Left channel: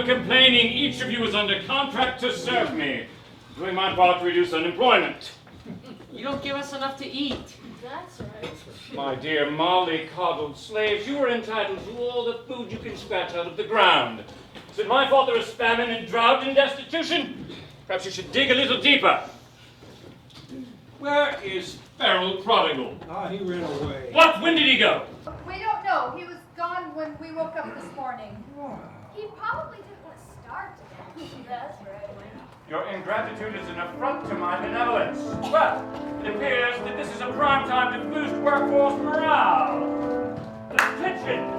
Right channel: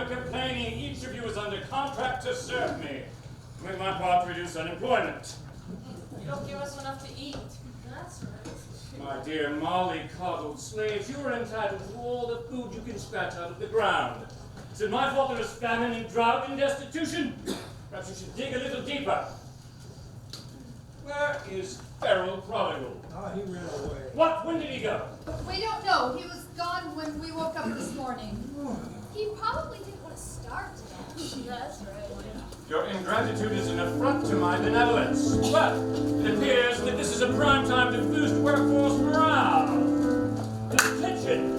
longer complaining. Each of you is under contract to serve me. Doing my part to reduce unemployment. You don't give us enough to eat. That's right. My dear molly-coddled slaves, you are entitled to all the food you can scratch out of the ground. Is it my fault there is famine and drought and destitution? Perhaps you should dig a little deeper. Where is feral Prodigal? He ran away. What? When did he go? We don't know. He was gone when we woke up this morning. He probably didn't want to starve to death. That's right. Your ingratitude is an affront to my benevolence. But it appears that this is a prime time to boost workforce morale. Attention!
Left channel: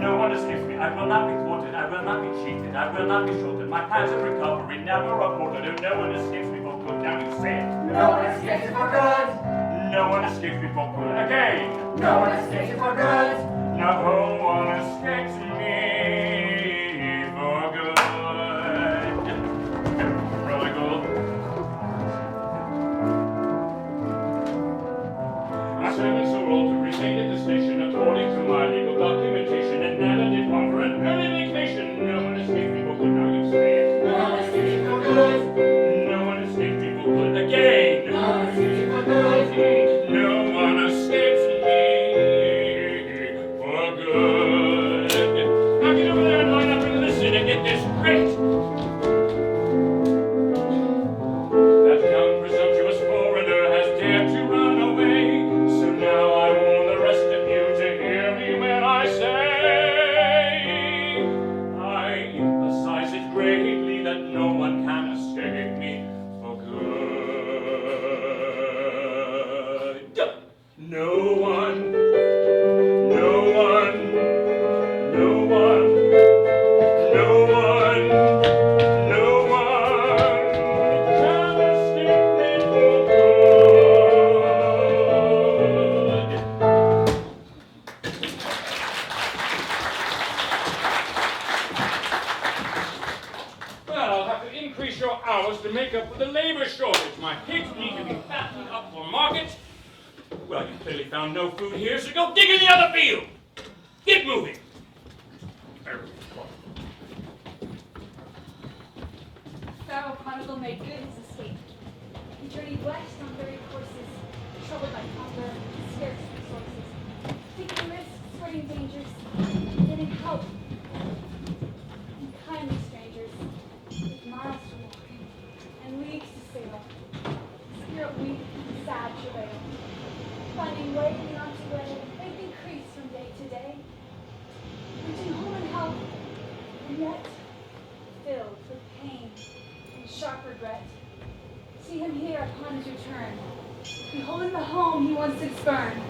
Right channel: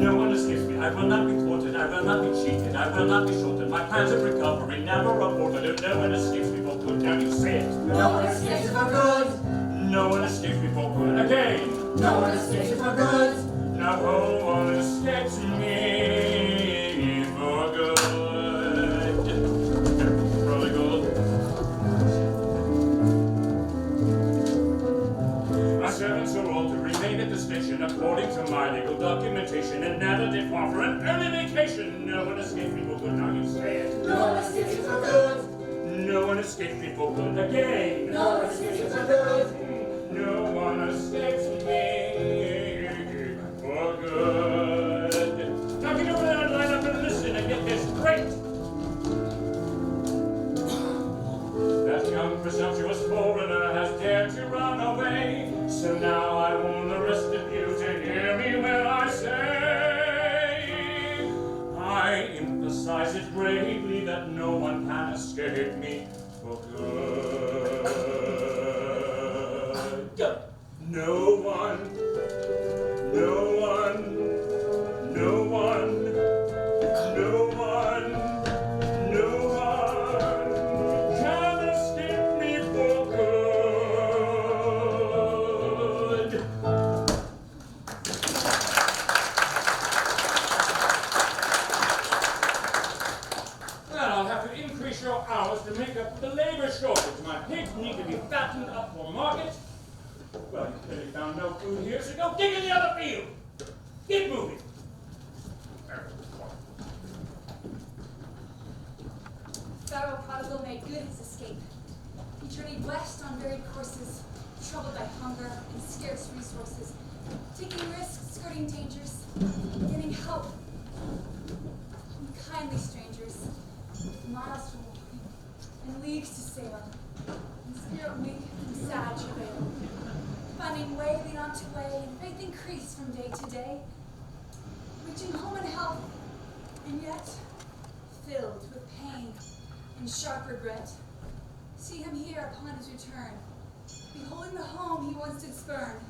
No one escapes me. I will not be thwarted. I will not be cheated. I will not be shorted. My plans of recovery never aborted. And no one escapes me for good. Now you say it. No one escapes for good. No one escapes me for good. Again. No one escapes for good. No one escapes me for good. Prodigal. My servants are all to remain at the station according to my legal documentation and never did offer an early vacation. No one escapes me for good. Now you say it. No one escapes for good. No one escapes me for good. Again. No one escapes for good. No one escapes me for good. Now get over there and line up and listen and get this straight. That young presumptuous foreigner has dared to run away. So now I warn the rest of you to hear me when I say I emphasize it greatly that no one can escape me for good. No one, no one, no one, no one, no one can escape me for good. Well, I'll have to increase your hours to make up for the labor shortage. My pigs need to be fattened up for market. Well, you clearly found no food here, so go dig in the other field. Get moving. Pharaoh Prodigal made good his escape. He journeyed west on varied courses, troubled by hunger and scarce resources, taking risks, skirting dangers, getting help. Kindly strangers, with miles to walk and leagues to sail, spirit weak and sad travail, finding way beyond to way, and faith increased from day to day, reaching home in health, and yet filled with pain and sharp regret. See him here upon his return, beholding the home he once did spurn,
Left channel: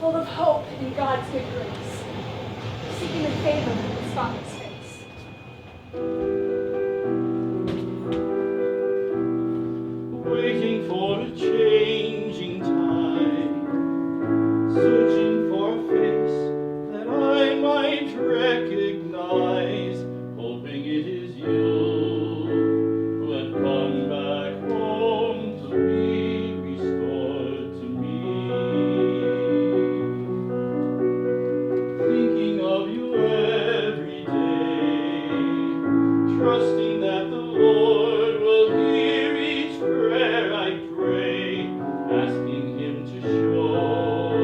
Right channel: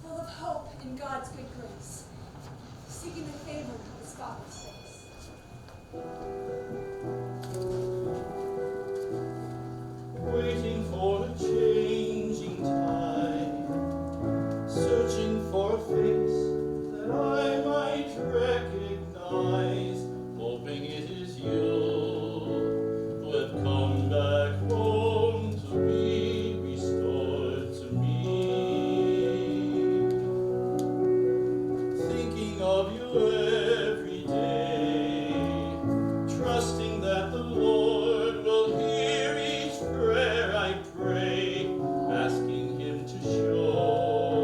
full of hope in God's good grace, seeking the favor of his Father's face. Waiting for a changing tide, searching for a face that I might recognize, hoping it is you who have come back home to be restored to me. Thinking of you every day, trusting that the Lord will hear each prayer I pray, asking him to show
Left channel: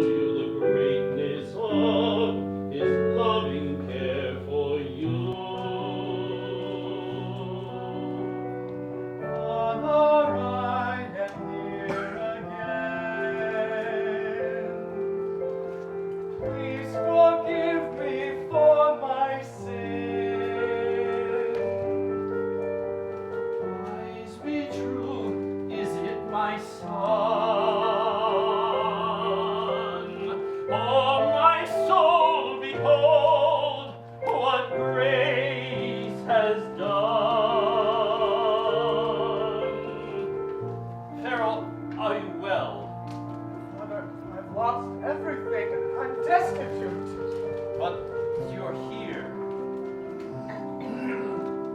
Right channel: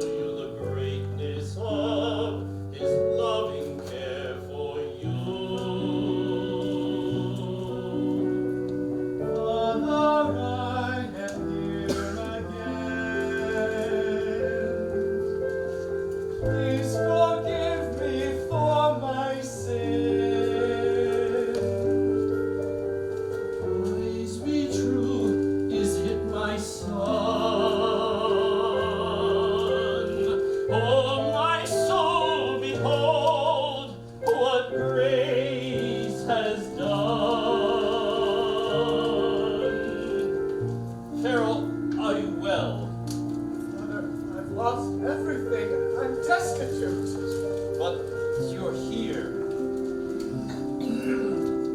you the greatness of his loving care for you. Father, I am here again. Please forgive me for my sin. Praise be true, is it my son? Oh, my soul, behold what grace has done. Pharaoh, are you well? Mother, I've lost everything. I'm destitute. But you're here.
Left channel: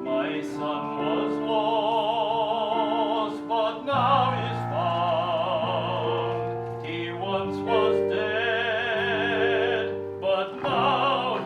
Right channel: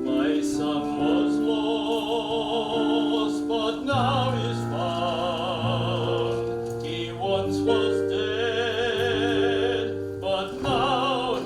My son was lost, but now is found. He once was dead, but now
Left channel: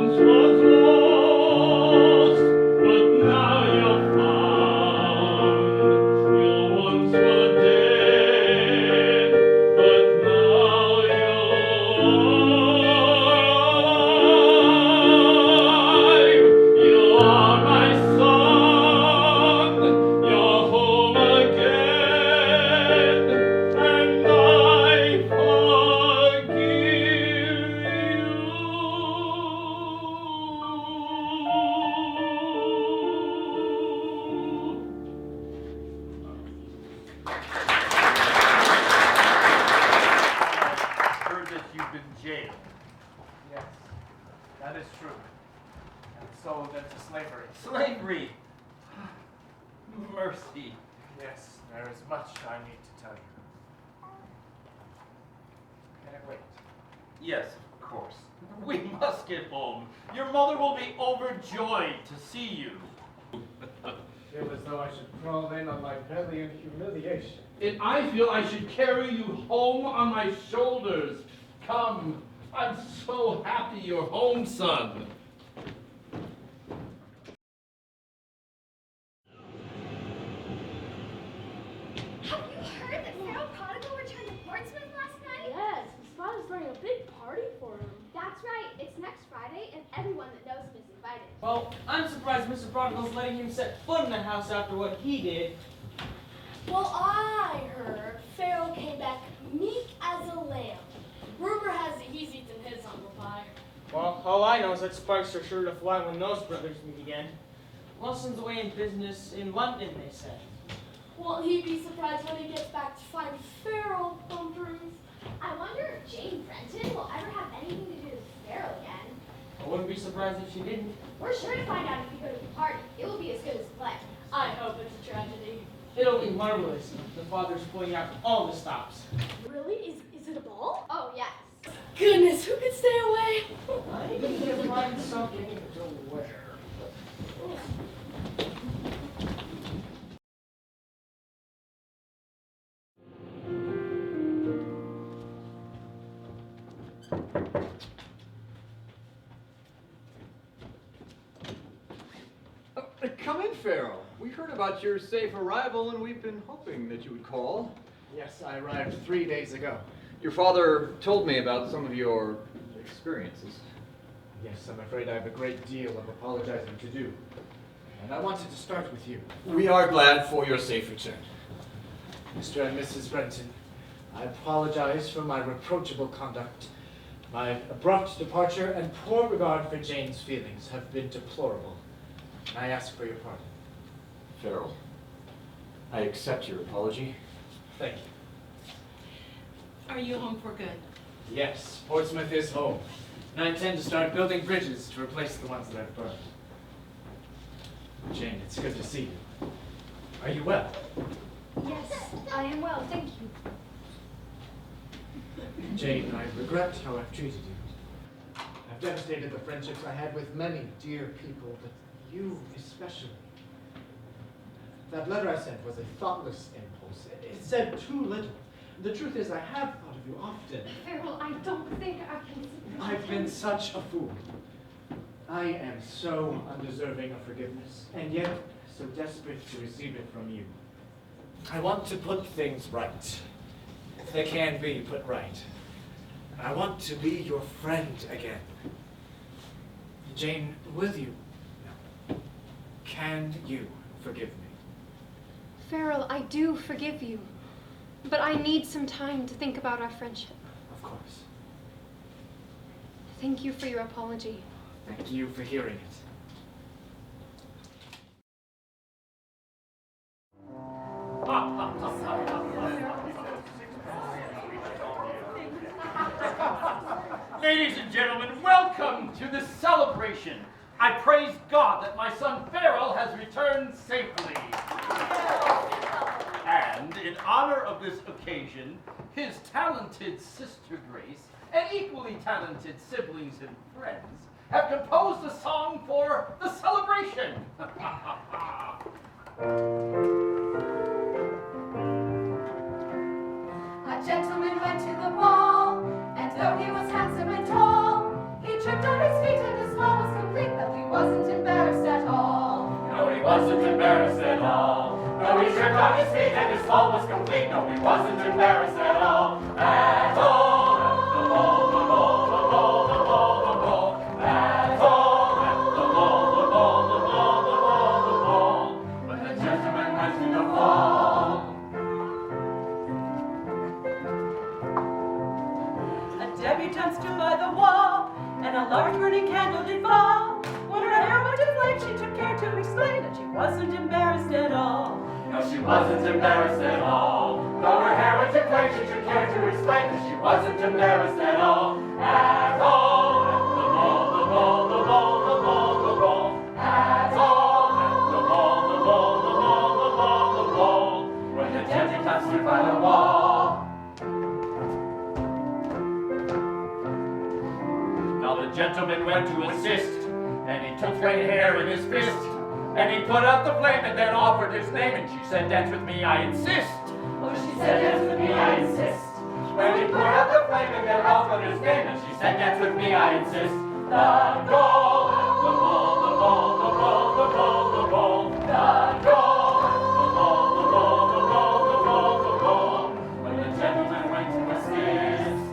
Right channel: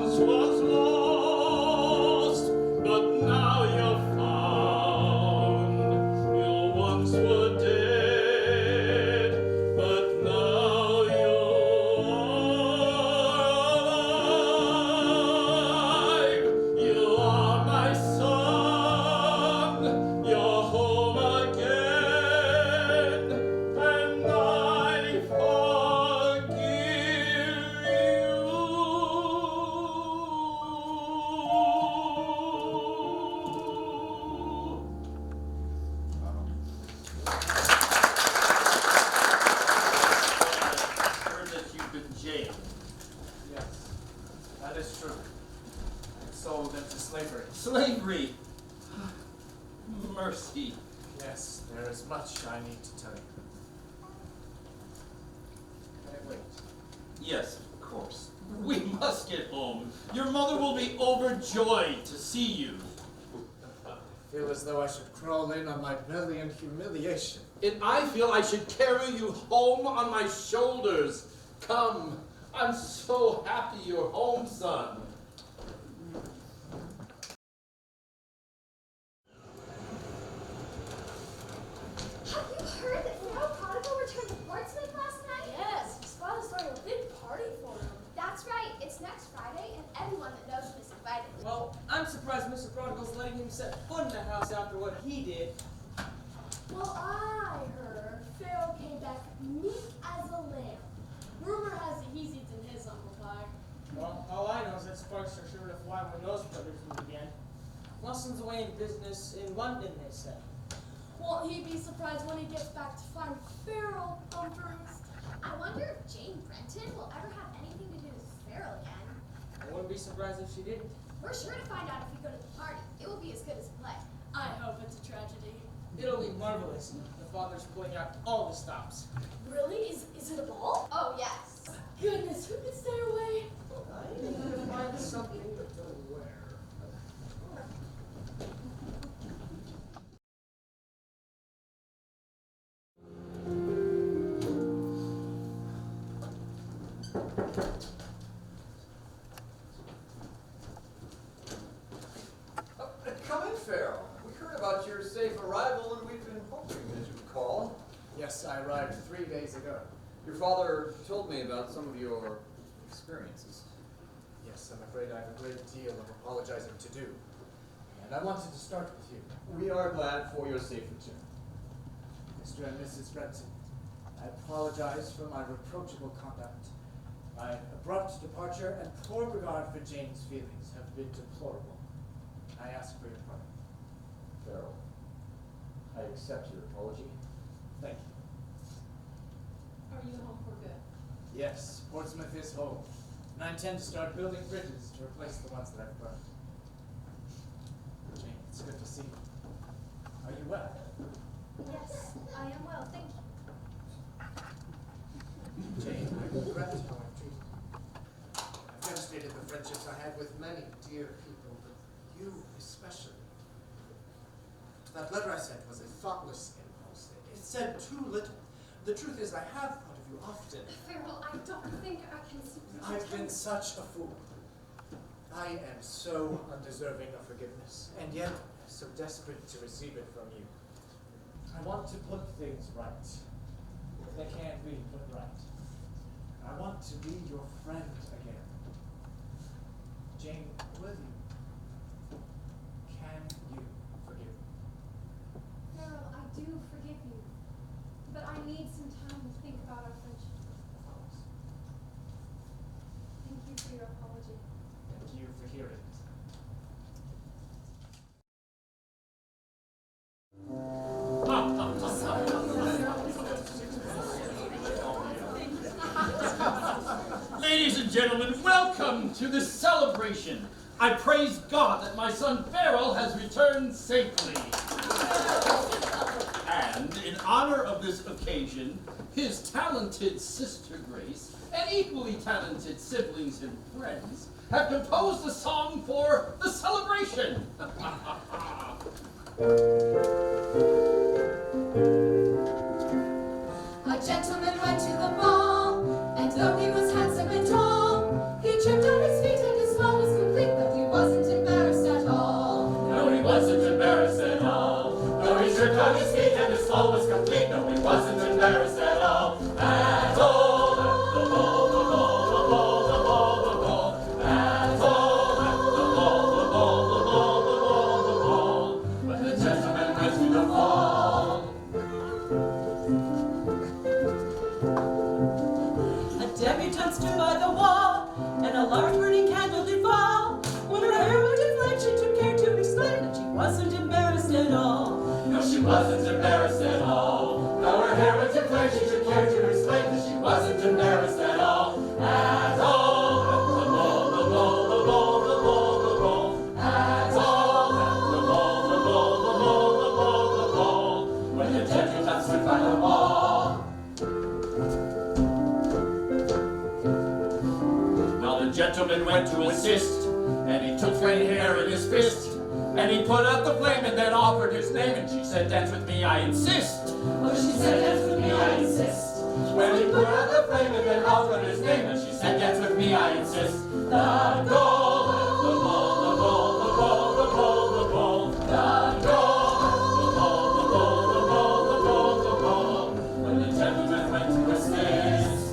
once was lost, but now you're found. You once were dead, but now you're alive. You are my son, you're home again, and I forgive you. Heard that you've been jailed. Yes, that is true. And sold into slavery. Slavery. Mercy. Yes, there is much I need to tell you. Can I wait? Yes, of course. We must get home. Your mother will be overjoyed to see you. I feel as though I should crawl in on my belly in humiliation. And I feel I should carry you home on my shoulders. Come, I'm so happy you're home, son. Have you heard that Pharaoh Prodigal returned to Portsmouth last night? Yes, his father's throwing a big party for him. That's right. It's next Friday, and everyone that knows him is invited. Well, I'm surprised Mr. Prodigal's letting him set foot in the house after what he did. Well, I heard Pharaoh came back meek as a lamb. Rumor has it he's eaten his humble pie. Well, all I know is that sparks are sure to fly when those brothers meet again. Lawson's away in business in London, they said. Won't he be surprised when he gets back to find Pharaoh on roost? I wonder if Jane Brenton will ever have anything to do with Pharaoh again. I wouldn't be surprised if she didn't. We're sure to find out if we go to the party. It will be as good as a play. I hope it's a tragedy. It'll be marvelous. The father's pulling out all the stops. Really? Is it a ball? Oh, yes. Goodness, who could stay away? I think you'll find something to wear. Come in, Pharaoh. We heard about your safe arrival, and we've been hoping that you would call. Yes, I arrived 3 days ago. Your father told me about some of your experiences. Yes, I'm afraid I have a great deal of apologizing to do. And I wanted to start with you. We are glad for your safe return. Mr. and Mrs. Brenton, I apologize for my reproachable conduct. My abrupt departure and poor regard for Jane's feelings have been deplorable. And I ask for your pardon. Pharaoh, I accept your apology. Thank you. Are you home for good? Yes, Portsmouth is home. And I intend to start building bridges to replace the ones that I've burned. Jane, it's good to see you. Are you well? Yes, I am well, thank you. Jane, I regret how I've treated you. I've devastated the friendships I had with many dear people, but you especially. That letter I sent was a thoughtless impulse. It said too little. The truth is, I have thought of you often. Pharaoh, I don't think I can support I've been such a fool. I am so undeserving of forgiveness, and yet so desperate to receive it from you. I want to put things right, if they can be put right. I want to be your friend again. Jane, will you? Can you forgive me? Farrell, I do forgive you, but I need some time to think about our friendship. Of course. Thank you for your apology. Thank you for hearing it. Ladies and gentlemen, welcome to the celebration. I praise God that my son Farrell has returned safely. And in honor of this occasion, his talented sister Grace and equally talented siblings and friends have composed a song for the celebration. A gentleman went to the ball, and though he was handsome and tall, he tripped on his feet and his fall. wasn't embarrassed at all. Though her hair went to flame, she took care to explain that she wasn't embarrassed at all. At all. At the ball, the ball, the ball, the ball, the ball. At all. At the ball, the ball, the ball, the ball, the ball. When the gentleman stood by the wall. Now the gentleman went to assist, and he took Fred hair in his fist. And he put out the flame and then offered his name, and she said, dance with me, I insist. Oh, she said, dance with me, I insist. When he put out the flame and then offered his name, and she said, dance with me, I insist. The goal, the ball, the ball, the ball, the ball, the ball. The goal, the ball, the ball, the ball, the ball, the ball. When the gentleman went to assist.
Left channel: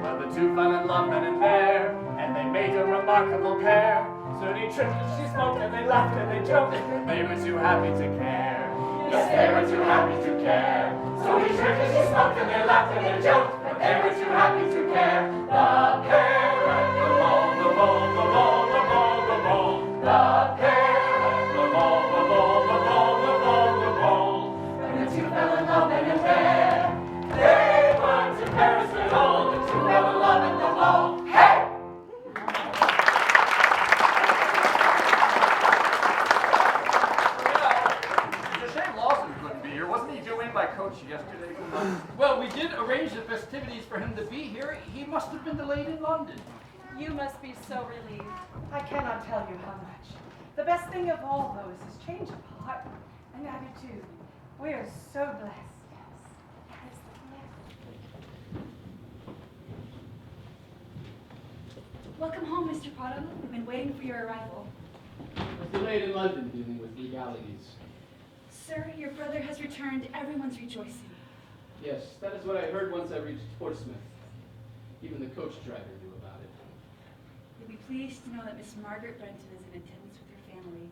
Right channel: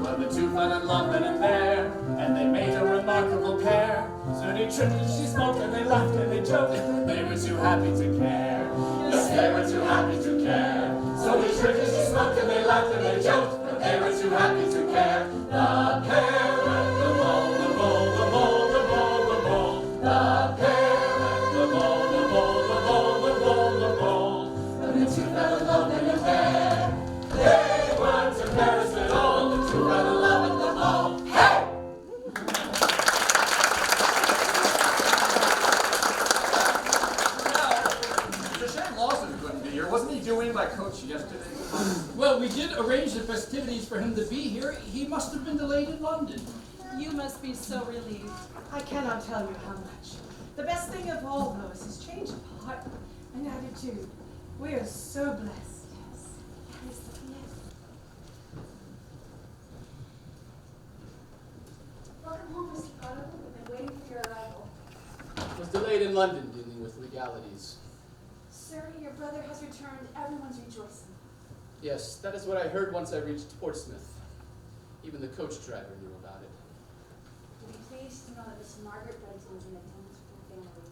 Well, the two fell in love then and there, and they made a remarkable pair. Soon he tripped and she smoked, and they laughed and they joked, and they were too happy to care. Yes, they were too happy to care. So he tripped and she smoked, and they laughed and they joked, but they were too happy to care. The pair at the ball, the ball, the ball, the ball, the ball. The pair at the ball, the ball, the ball, the ball, the ball. When the two fell in love then and there, they weren't embarrassed at all. The two fell in love at the ball. Hey! It's a shame Lawson couldn't be here. Wasn't he due in by coach yesterday? Well, we did arrange the festivities for him to be here. He must have been delayed in London. You must be so relieved. I cannot tell you how much. The best thing of all, though, is his change of heart and attitude. We are so blessed. Yes. That is the gift. Welcome home, Mr. Prado. We've been waiting for your arrival. Was delayed in London dealing with legalities. Sir, your brother has returned. Everyone's rejoicing. Yes, that is what I heard once I reached Portsmouth. Even the coach driver knew about it. You'll be pleased to know that Miss Margaret Renton is in attendance with her family.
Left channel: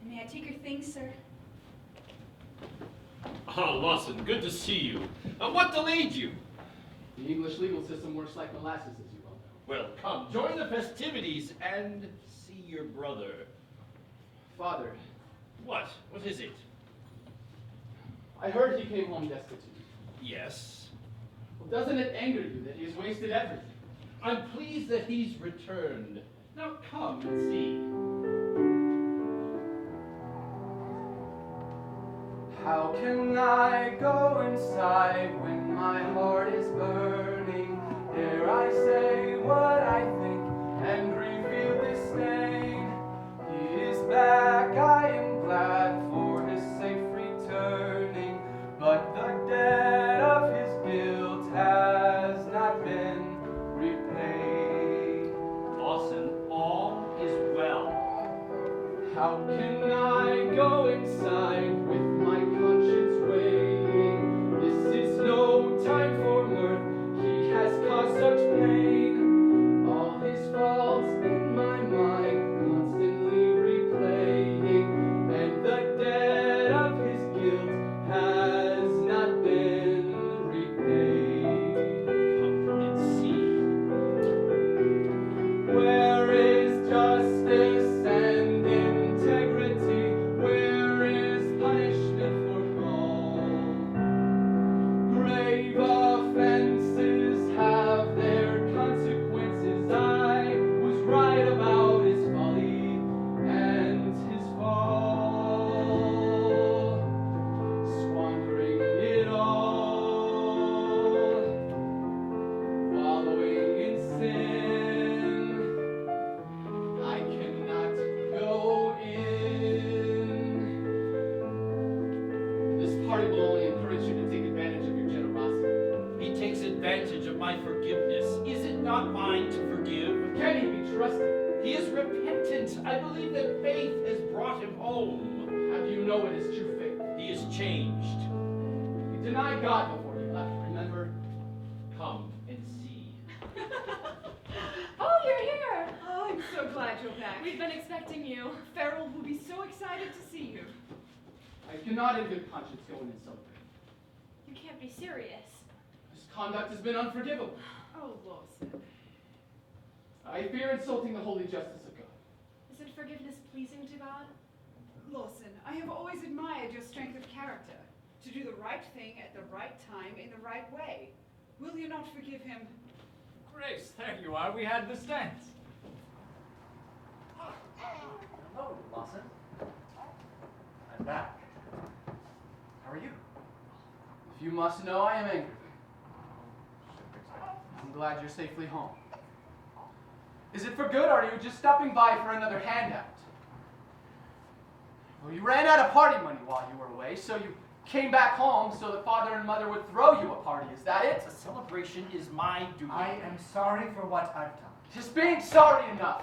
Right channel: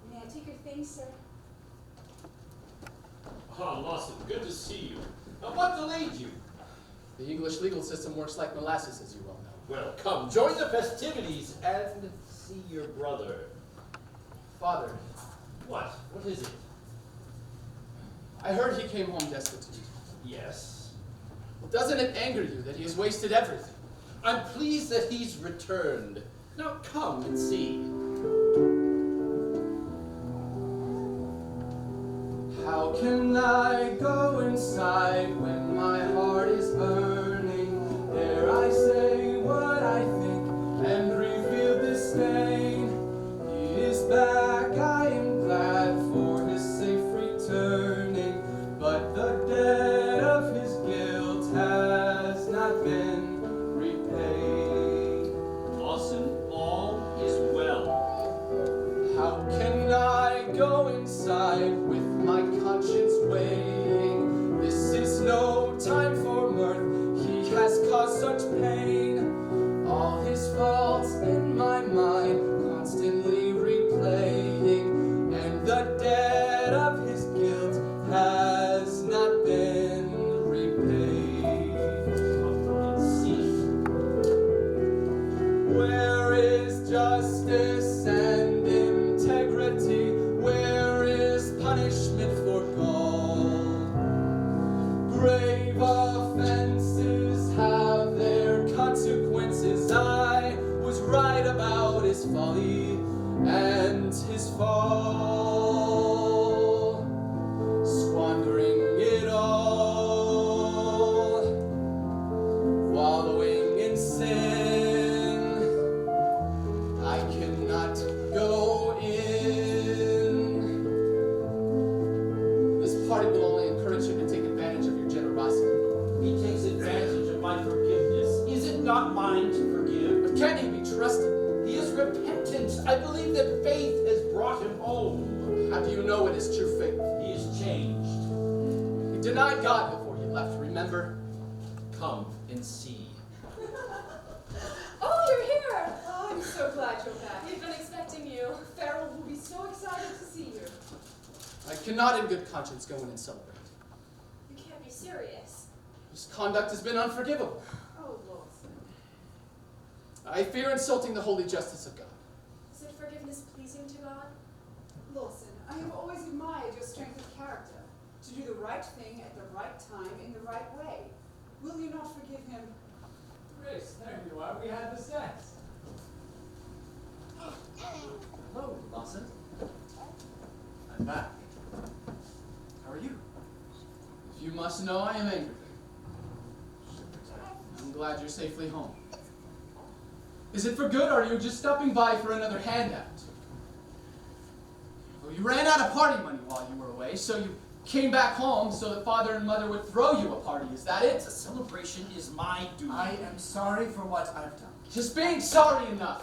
And may I take your things, sir? Ah, Lawson, good to see you. What delayed you? The English legal system works like molasses, as you well know. Well, come, join the festivities and see your brother. Father, What? What is it? I heard he came home destitute. Yes. Well, doesn't it anger you that he has wasted everything? I'm pleased that he's returned. Now come and see. How can I go inside when my heart is burning? Dare I say what I think and reveal disdain? He is back, I am glad for his safe returning, but the debt of his guilt has not been repaid. Lawson, all is well. How can I go inside with my conscience weighing? This is no time for mirth, he has caused such pain. All his faults in my mind constantly replaying, and the debt of his guilt has not been repaid. Come and see. Where is justice and integrity? Where is punishment for gold? Grave offenses have their consequences. I was right about his folly and his fall, squandering it all, wallowing in sin. I cannot go in. This party will only encourage you to take advantage of your generosity. He takes advantage of my forgiveness. Is it not mine to forgive? But can he be trusted? He is repentant. I believe that faith has brought him home. How do you know it is true faith? He is changed. He denied God before he left, remember? Come and see. Oh, you're here! Oh, I'm so glad you're back. We've been expecting you. Farrell will be so excited to see you. I cannot in good conscience go in and celebrate. You can't be serious. His conduct has been unforgivable. Oh, Lawson. I fear insulting the holy justice of God. Is it forgiveness pleasing to God? right thing at the right time in the right way. Will you not forgive him? Grace, there you are. We had the sense. Hello, Lawson. I'm back. How are you? If you must know, I am angry. I'm glad you're safely home. Is it for good, or are you just stopping by for another handout? Well, you ran out of party money while you were away, so you came back home so that father and mother would throw you a party. Is that it? A celebration is my duty. I am sorry for what I've done. Just being sorry enough.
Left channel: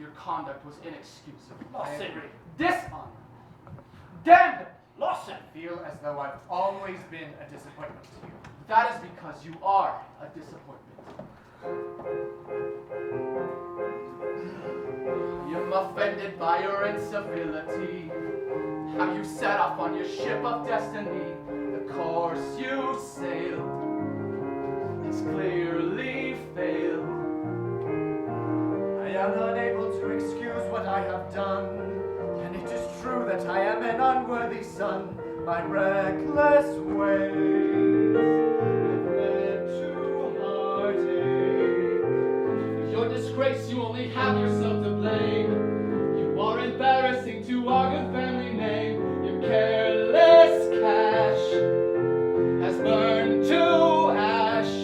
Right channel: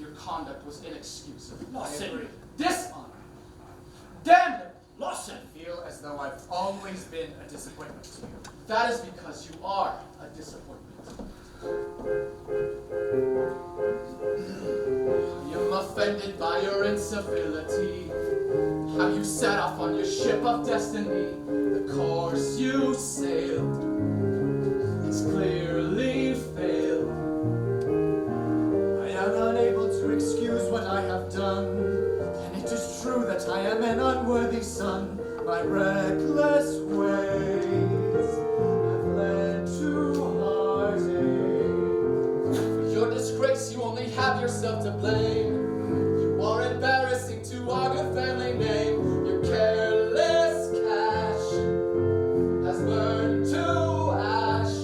Your conduct was inexcusable. Lawson. Dishonor. Damn it! Lawson. I feel as though I've always been a disappointment to you. That is because you are a disappointment. I'm offended by your incivility. How you set off on your ship of destiny. The course you sailed has clearly failed. I am unable to excuse what I have done, and it is true that I am an unworthy son. My reckless ways have led to heartache. For your disgrace, you only have yourself to blame. You are embarrassing to our good family name. Your careless cash has burned to ash.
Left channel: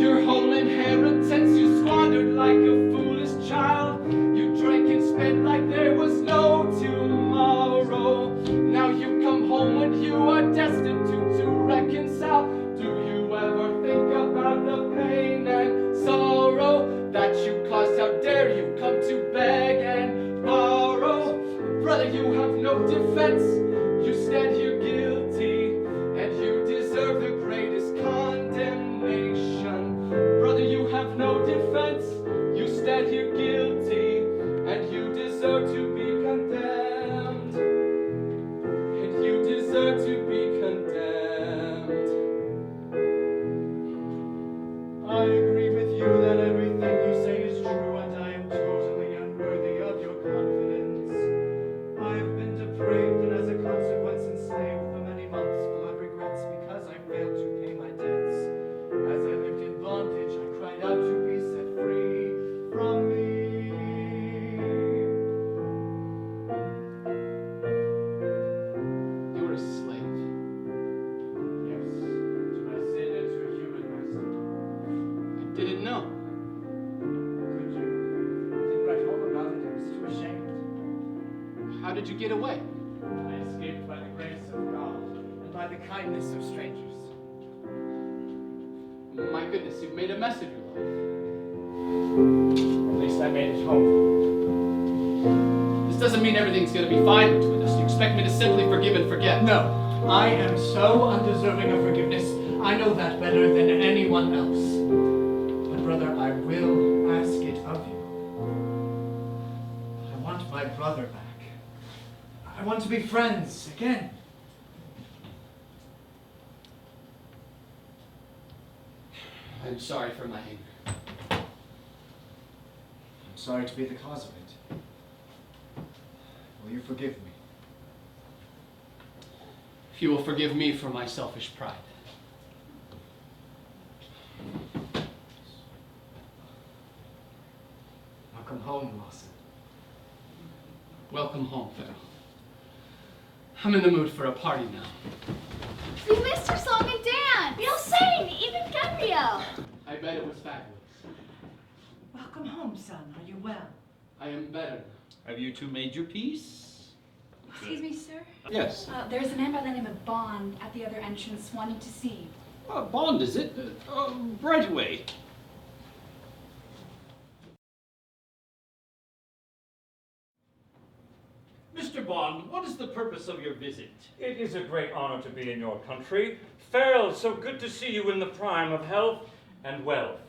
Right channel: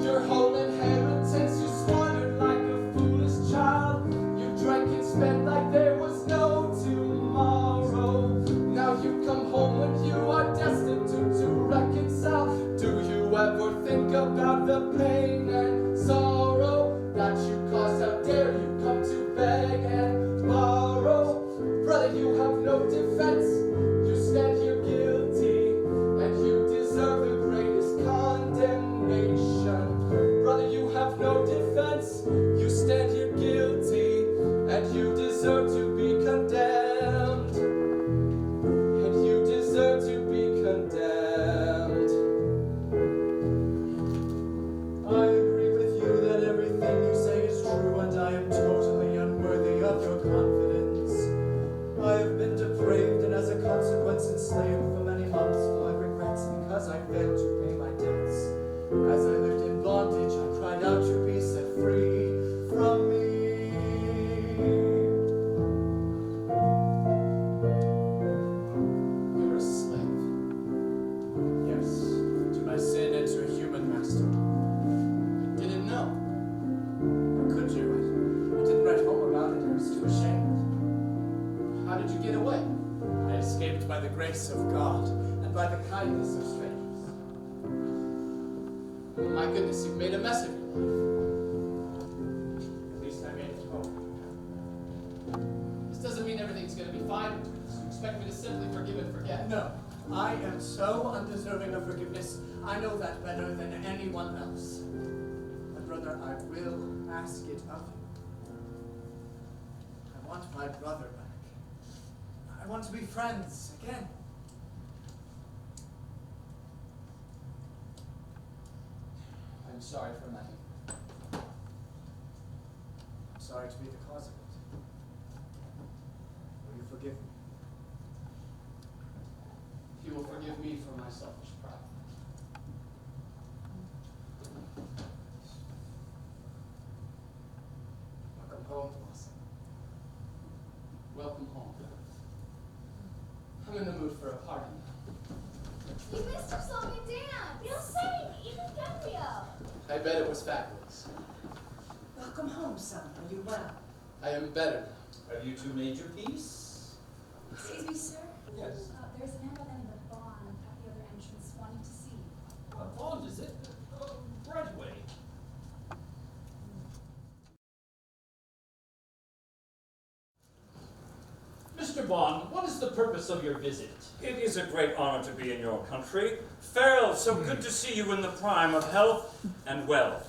Your whole inheritance you squandered like a foolish child. You drank and spent like there was no tomorrow. Now you come home when you are destitute to reconcile. Do you ever think about the pain and sorrow that you caused? How dare you come to beg and borrow? Brother, you have no defense. You stand here guilty, and you deserve the greatest condemnation. Brother, you have no defense. You stand here guilty, and you deserve to be condemned. And you deserve to be condemned. I agree with you that everything you say is true, and I am totally unworthy of your confidence. I have been depraved and as a consequence enslaved for many months, full of regrets because I failed to pay my debts. As I lived in bondage, I cried out to be set free from me. You were a slave. Yes, to my sin and to a human master. I didn't know. How could you? I didn't write home about it. I was too ashamed. How did you get away? I escaped by the grace of God and by the kindness of strangers. My goodness, you've made a mess of your life. At least I made it home. This doesn't mean everything's going to be fine between us. You expect me to simply forgive and forget? No, I am so undeserving of forgiveness. I know that better than anyone else. But brother, I will ask it of you. I want my brother back. I want to be friends again. I'm sorry for my anger. I'm sorry to be the cause of it. Will you forgive me? If you will forgive me for my selfish pride. Welcome home, Lawson. Welcome home, Pharaoh. I'm in the mood for a party now. We missed your song and dance. We all sang, even Gabrielle. I bet it was fabulous. Welcome home, son. Are you well? I am better now. Have you two made your peace? Excuse me, sir. Yes. There's a man by the name of Bond at the other entrance wanting to see you. Bond, is it? Right away. Mr. Bond, what is the purpose of your visit? It is a great honor to be in your country. Farrell, so good to see you in the prime of health and wealth.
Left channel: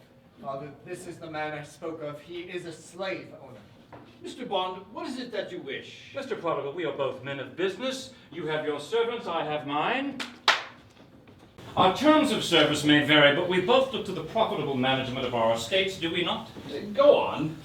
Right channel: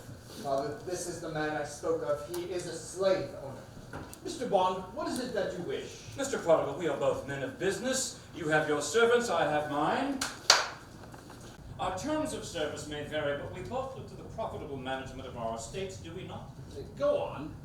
Father, this is the man I spoke of. He is a slave owner. Mr. Bond, what is it that you wish? Mr. Prodigal, we are both men of business. You have your servants, I have mine. Our terms of service may vary, but we both look to the profitable management of our estates, do we not? Go on.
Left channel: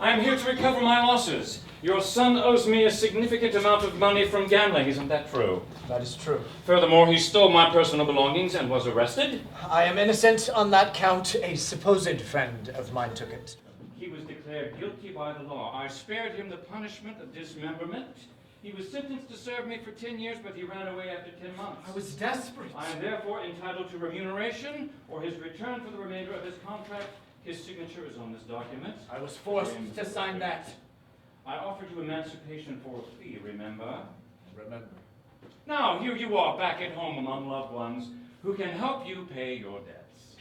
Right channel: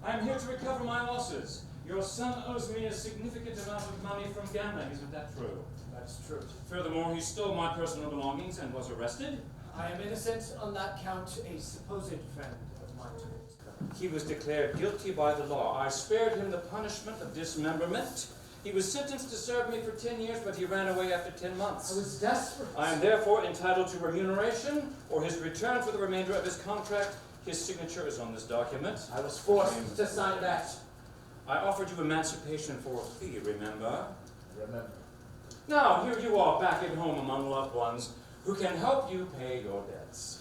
I am here to recover my losses. Your son owes me a significant amount of money from gambling, isn't that true? That is true. Furthermore, he stole my personal belongings and was arrested. I am innocent on that count. A supposed friend of mine took it. He was declared guilty by the law. I spared him the punishment of dismemberment. He was sentenced to serve me for 10 years, but he ran away after 10 months. I was desperate. I am therefore entitled to remuneration or his return for the remainder of his contract. His signature is on this document. I was forced to sign that. I offered you emancipation for a fee, remember? Remember. Now, here you are back at home among loved ones who can help you pay your debts.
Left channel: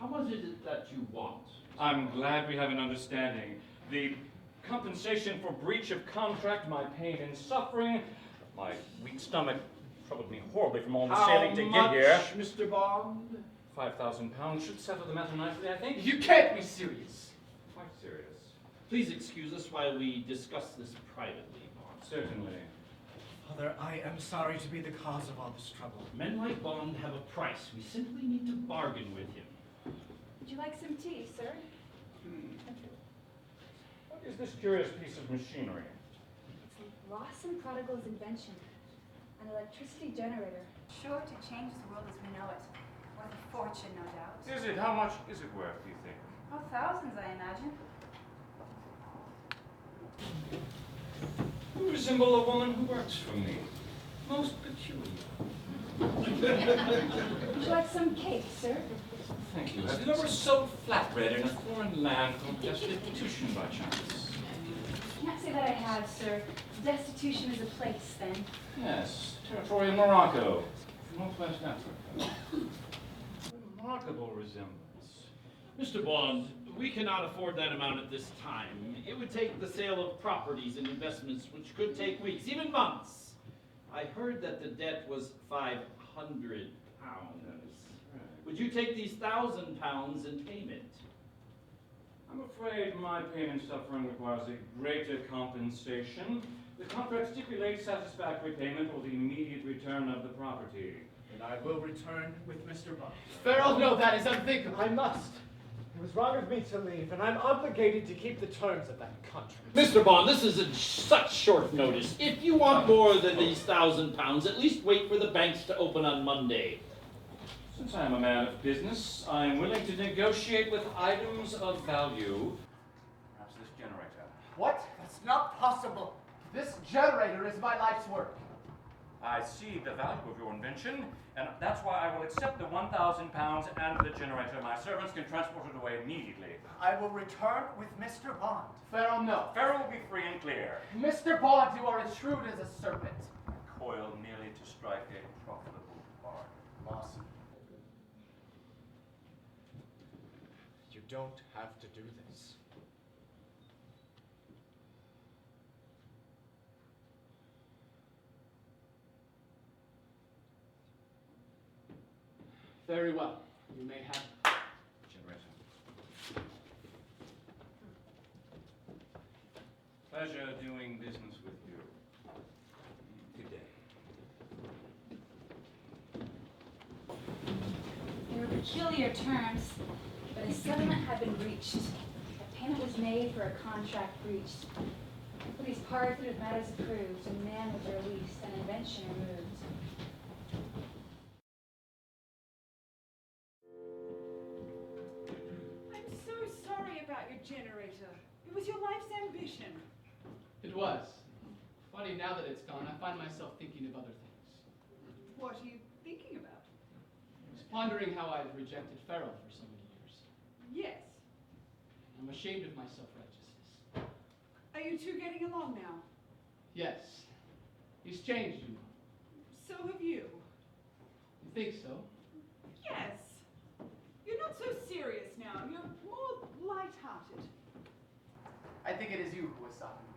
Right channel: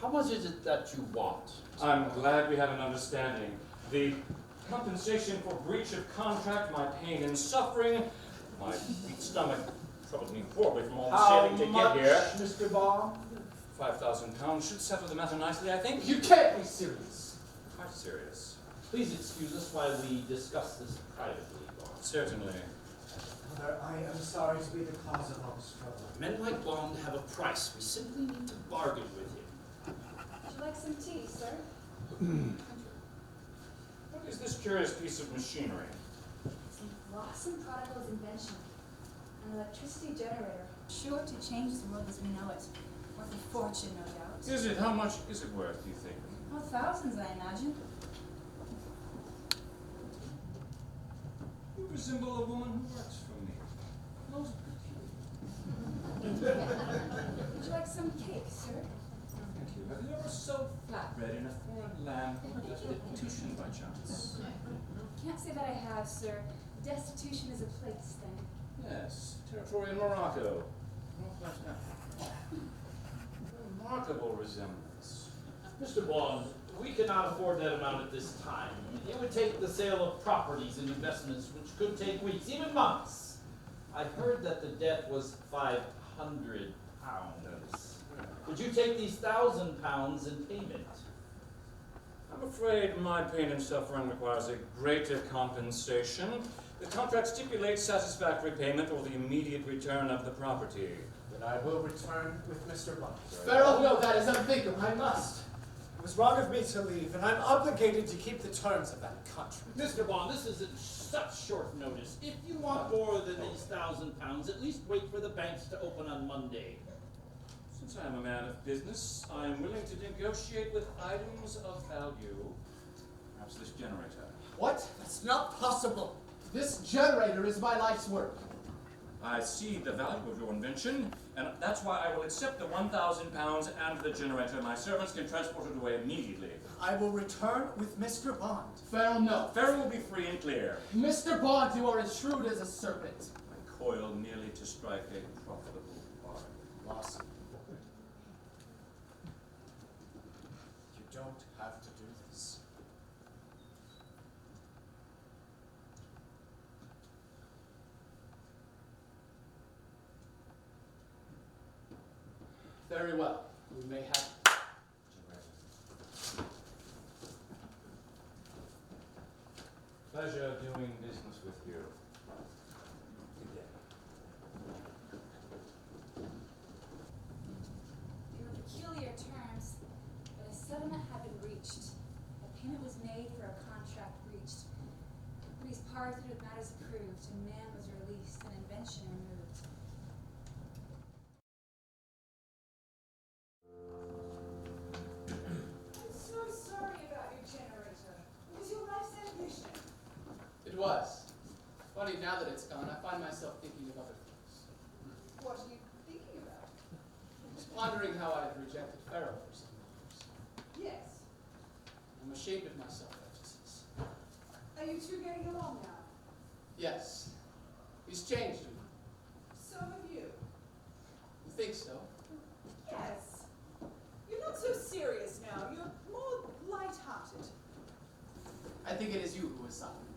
How much is it that you want? I'm glad we have an understanding. The compensation for breach of contract, my pain and suffering, my weak stomach troubled me horribly from all the sailing to get here. Mr. Bond? 5,000 pounds should settle the matter nicely, I think. You can't be serious. Quite serious. Please excuse us while we discuss this privately, Bond. Certainly. Father, I am sorry to be the cause of all this trouble. Men like Bond have a price. We simply need to bargain with him. Would you like some tea, sir? What is this curious piece of machinery? It's an awesome Prodigals invention. An electricity generator. Sure to change the world as we know it. Worth a fortune, no doubt. Is it? How much is it worth, do you think? Oh, thousands, I imagine. You resemble a woman who works for me. Most peculiar. Would you like some cake, sir? Thank you. Have you ever sold flatbread in a foreign land from destitution by chance? Can't say that I have, sir. Destitution is a place, then. Yes, territory in Morocco, Northwest Africa. Remarkable resemblance. Mr. Bond, we cannot afford that amount at this time. It would take the sale of properties and investments, which could take weeks, even months. I heard that the debt was £500. Would you take these £1,000 in payment? I'm afraid my pain and suffering requires a greater compensation. The contract stipulates satisfactory payment or the immediate return of the property. Then I will return with Mr. Bond. Farrell, no, that is unthinkable. I must. It was wrong of me to leave, and I'm obligated to keep the terms of that contract. Mr. Bond, this is in such short notice. If you want more than these £1,000, at least wait for the banks to open on Monday. Since I am a man of business, I am willing to negotiate with items of value. Perhaps this generator. What? That's not possible. This generator is my life's work. I see the value of your invention, and that's why I will accept the £1,000 and the generator. My servants can transport it away immediately. I will return with Mr. Bond. Farrell, no. Farrell will be free and clear. Mr. Bond, you are as shrewd as a serpent. I coil merely to strike a profitable bargain. Lawson. You don't have to do this. Very well. We may have... Generator. Pleasure doing business with you. Good day. There were peculiar terms, but a settlement had been reached. A payment was made for a contract breached. Police parted with matters approved, and man was released, and invention removed. I'm so sorry about your generator. It was your life's ambition. It was. Funny, now that it's gone, I find myself thinking of other things. What are you thinking about? I was pondering how I have rejected Farrell for some years. Yes. I'm ashamed of myself after this. Are you two getting along now? Yes. He's changed him. So have you. You think so? Yes. You're not so serious now. You're more light-hearted. I think it is you who has softened me.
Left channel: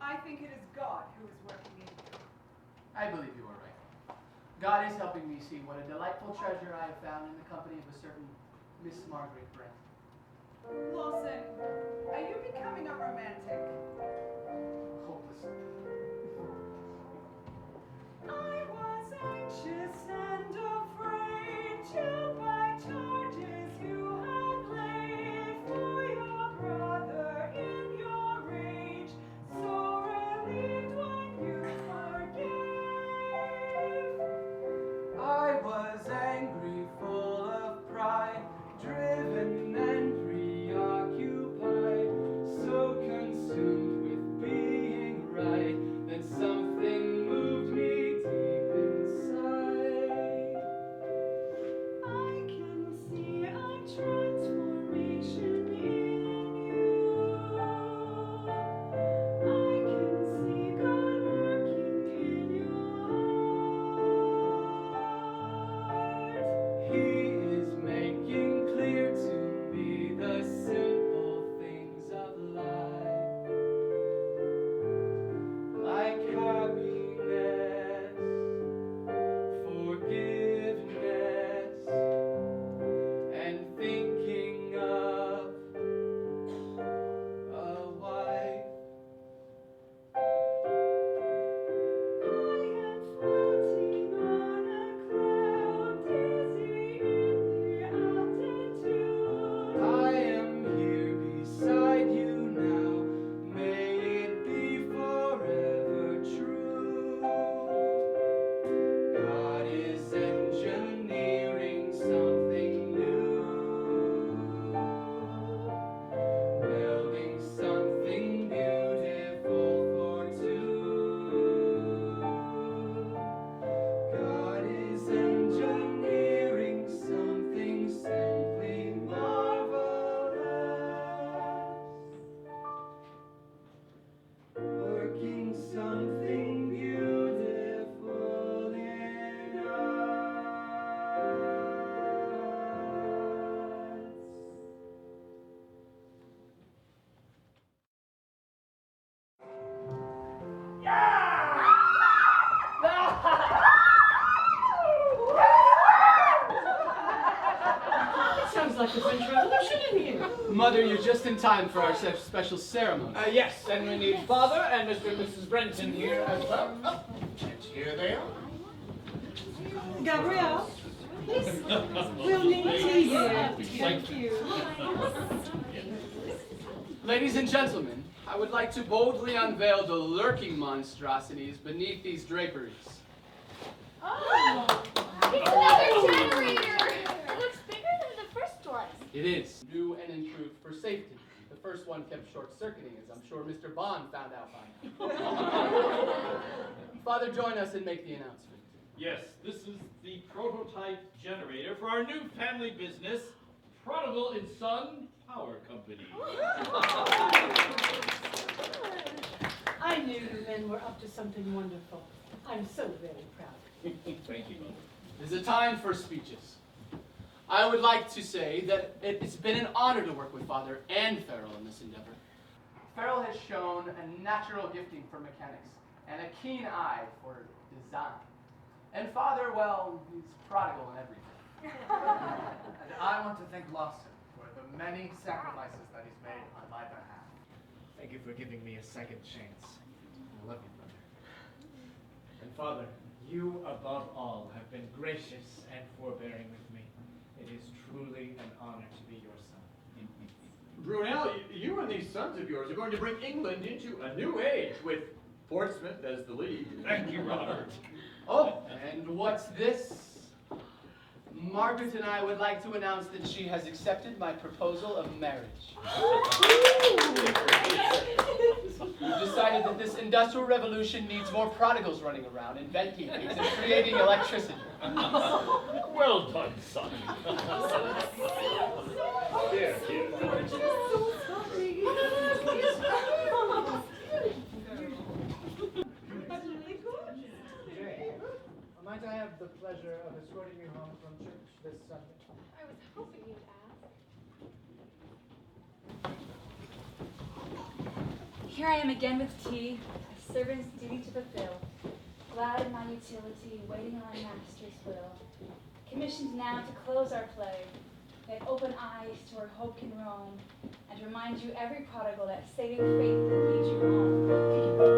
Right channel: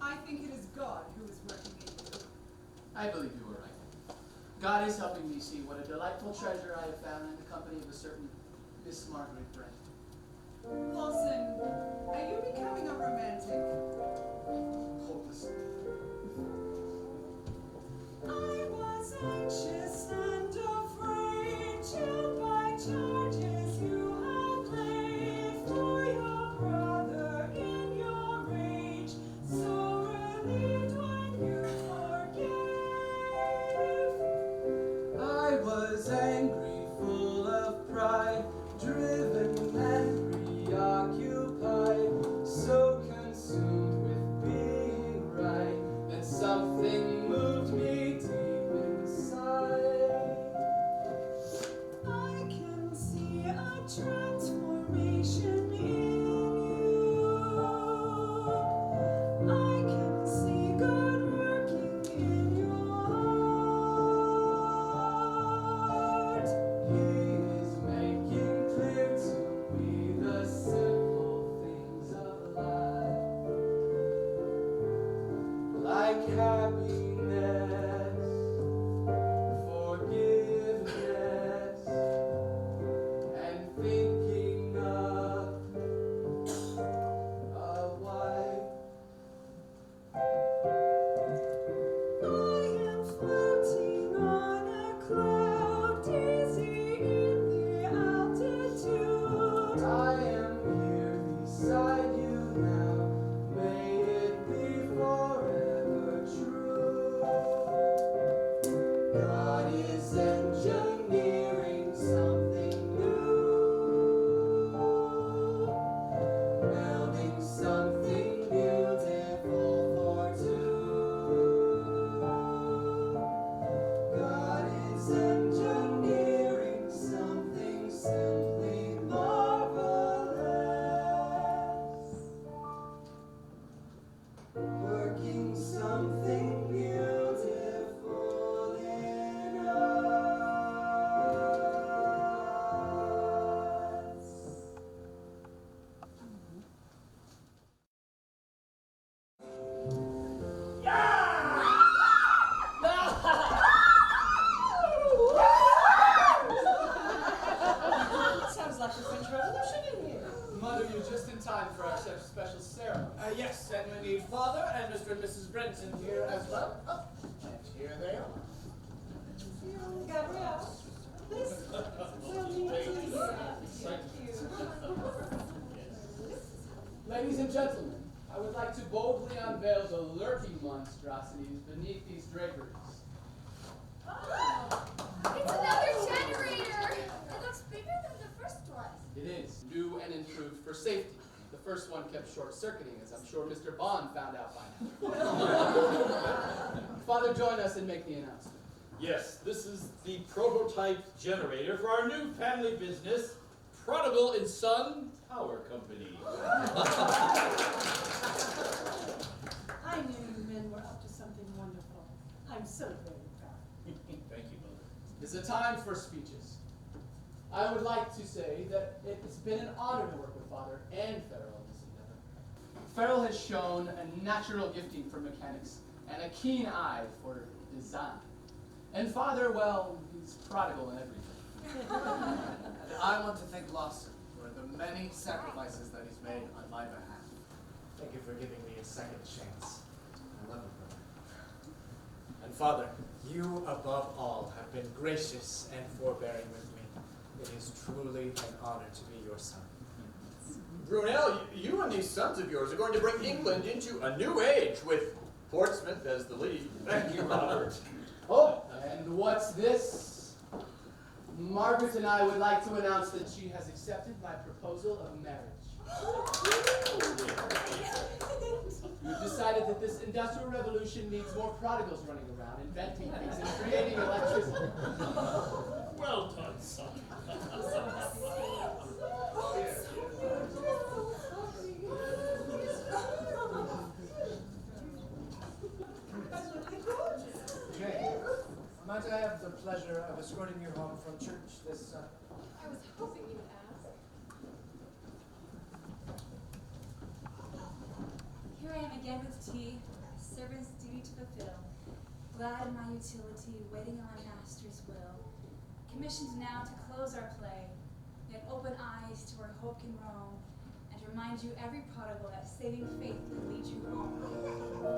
I think it is God who is working in you. I believe you were right. God is helping me see what a delightful treasure I have found in the company of a certain Miss Margaret Brand. Lawson, are you becoming a romantic? Hopelessly. I was anxious and afraid, chilled by charges you have laid to your Sounds like a French Revolution in here. Mother, you're just in time for our special ceremony. Yes, and we need Father and Mr. and Mrs. Brenton here as well. And here they are. Gabrielle, we'll need tea here. Thank you. Ladies and gentlemen, I would like to boldly unveil the lurking monstrosities beneath these draperies. Oh, it's another generator. It looks bigger than the first one. It is new and improved for safety. The first one kept short-circuiting, as I'm sure Mr. Bond found out by now. Father, join us and make the announcement. Yes, this is the prototype generator for our new family business, Prodigal & Son Power Company. I knew you men were up to something wonderful. I'm so very proud. Thank you, Mother. It is a time for speeches. I would like to say that it's been an honor to work with Father and Farrell in this endeavor. Farrell has shown a natural gifting for mechanics and a keen eye for design. And Father, well, he's prodigal in everything. And I want to thank Lawson for the many sacrifices that he's made on my behalf. Thank you for giving me a second chance. I love you, brother. And Father, you above all have been gracious and forbearing with me. It is truly an honor to be your son. Brunel, you and these sons of yours are going to bring England into a new age with Portsmouth as the lead. Thank you, Robert. Oh, and what's this? Margaret and I would like to announce that she has accepted my proposal of marriage. We've decided that this industrial revolution needs more prodigals running around, inventing things and creating electricity. Well done, son. Here, here. Jane, might I have the pleasure of escorting you home from church this Sunday? I was hoping you'd ask. Here I am again with tea, a servant's duty to fulfill. Glad in my utility, waiting on my master's will. Commissioned now to close our play, yet open eyes to where hope can roam, and remind you every prodigal that saving faith will lead you home.